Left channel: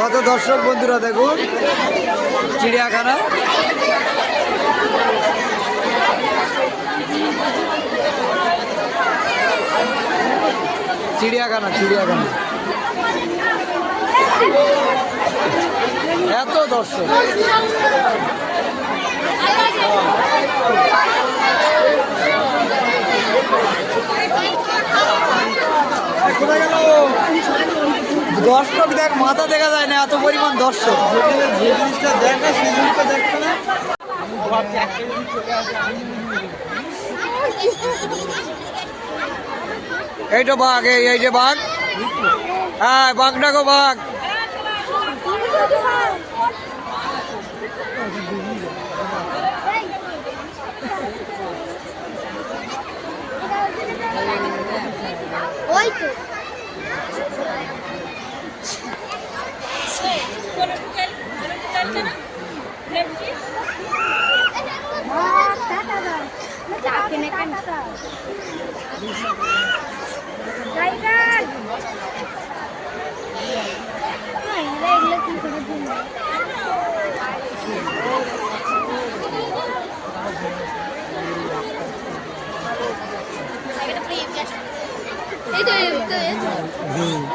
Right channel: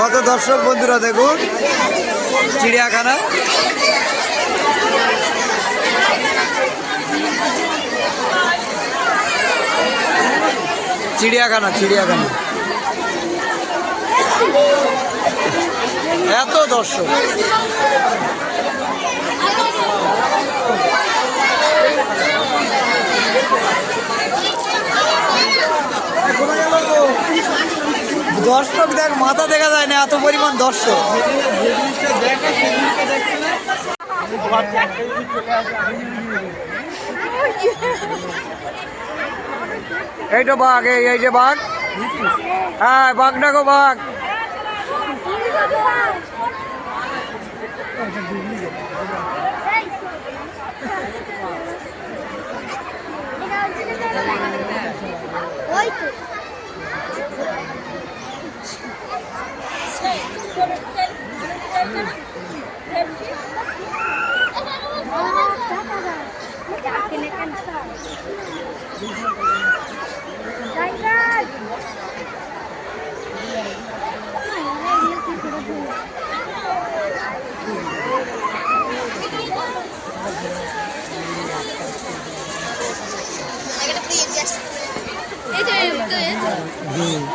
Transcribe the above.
কত দর্শক বন্ধুরা দেখুন? চিড়িয়াখানা। চিড়িয়াখানা চিড়িয়াখানা। এত দর্শক। দর্শক দেখ, মাথা দেখা যায় না, এত পরিমাণ দর্শক। এই তো বাঘ, এই এই যে বাঘ। হ্যাঁ বাঘ ডাকো বাঘ। এই তো এই তো এই তো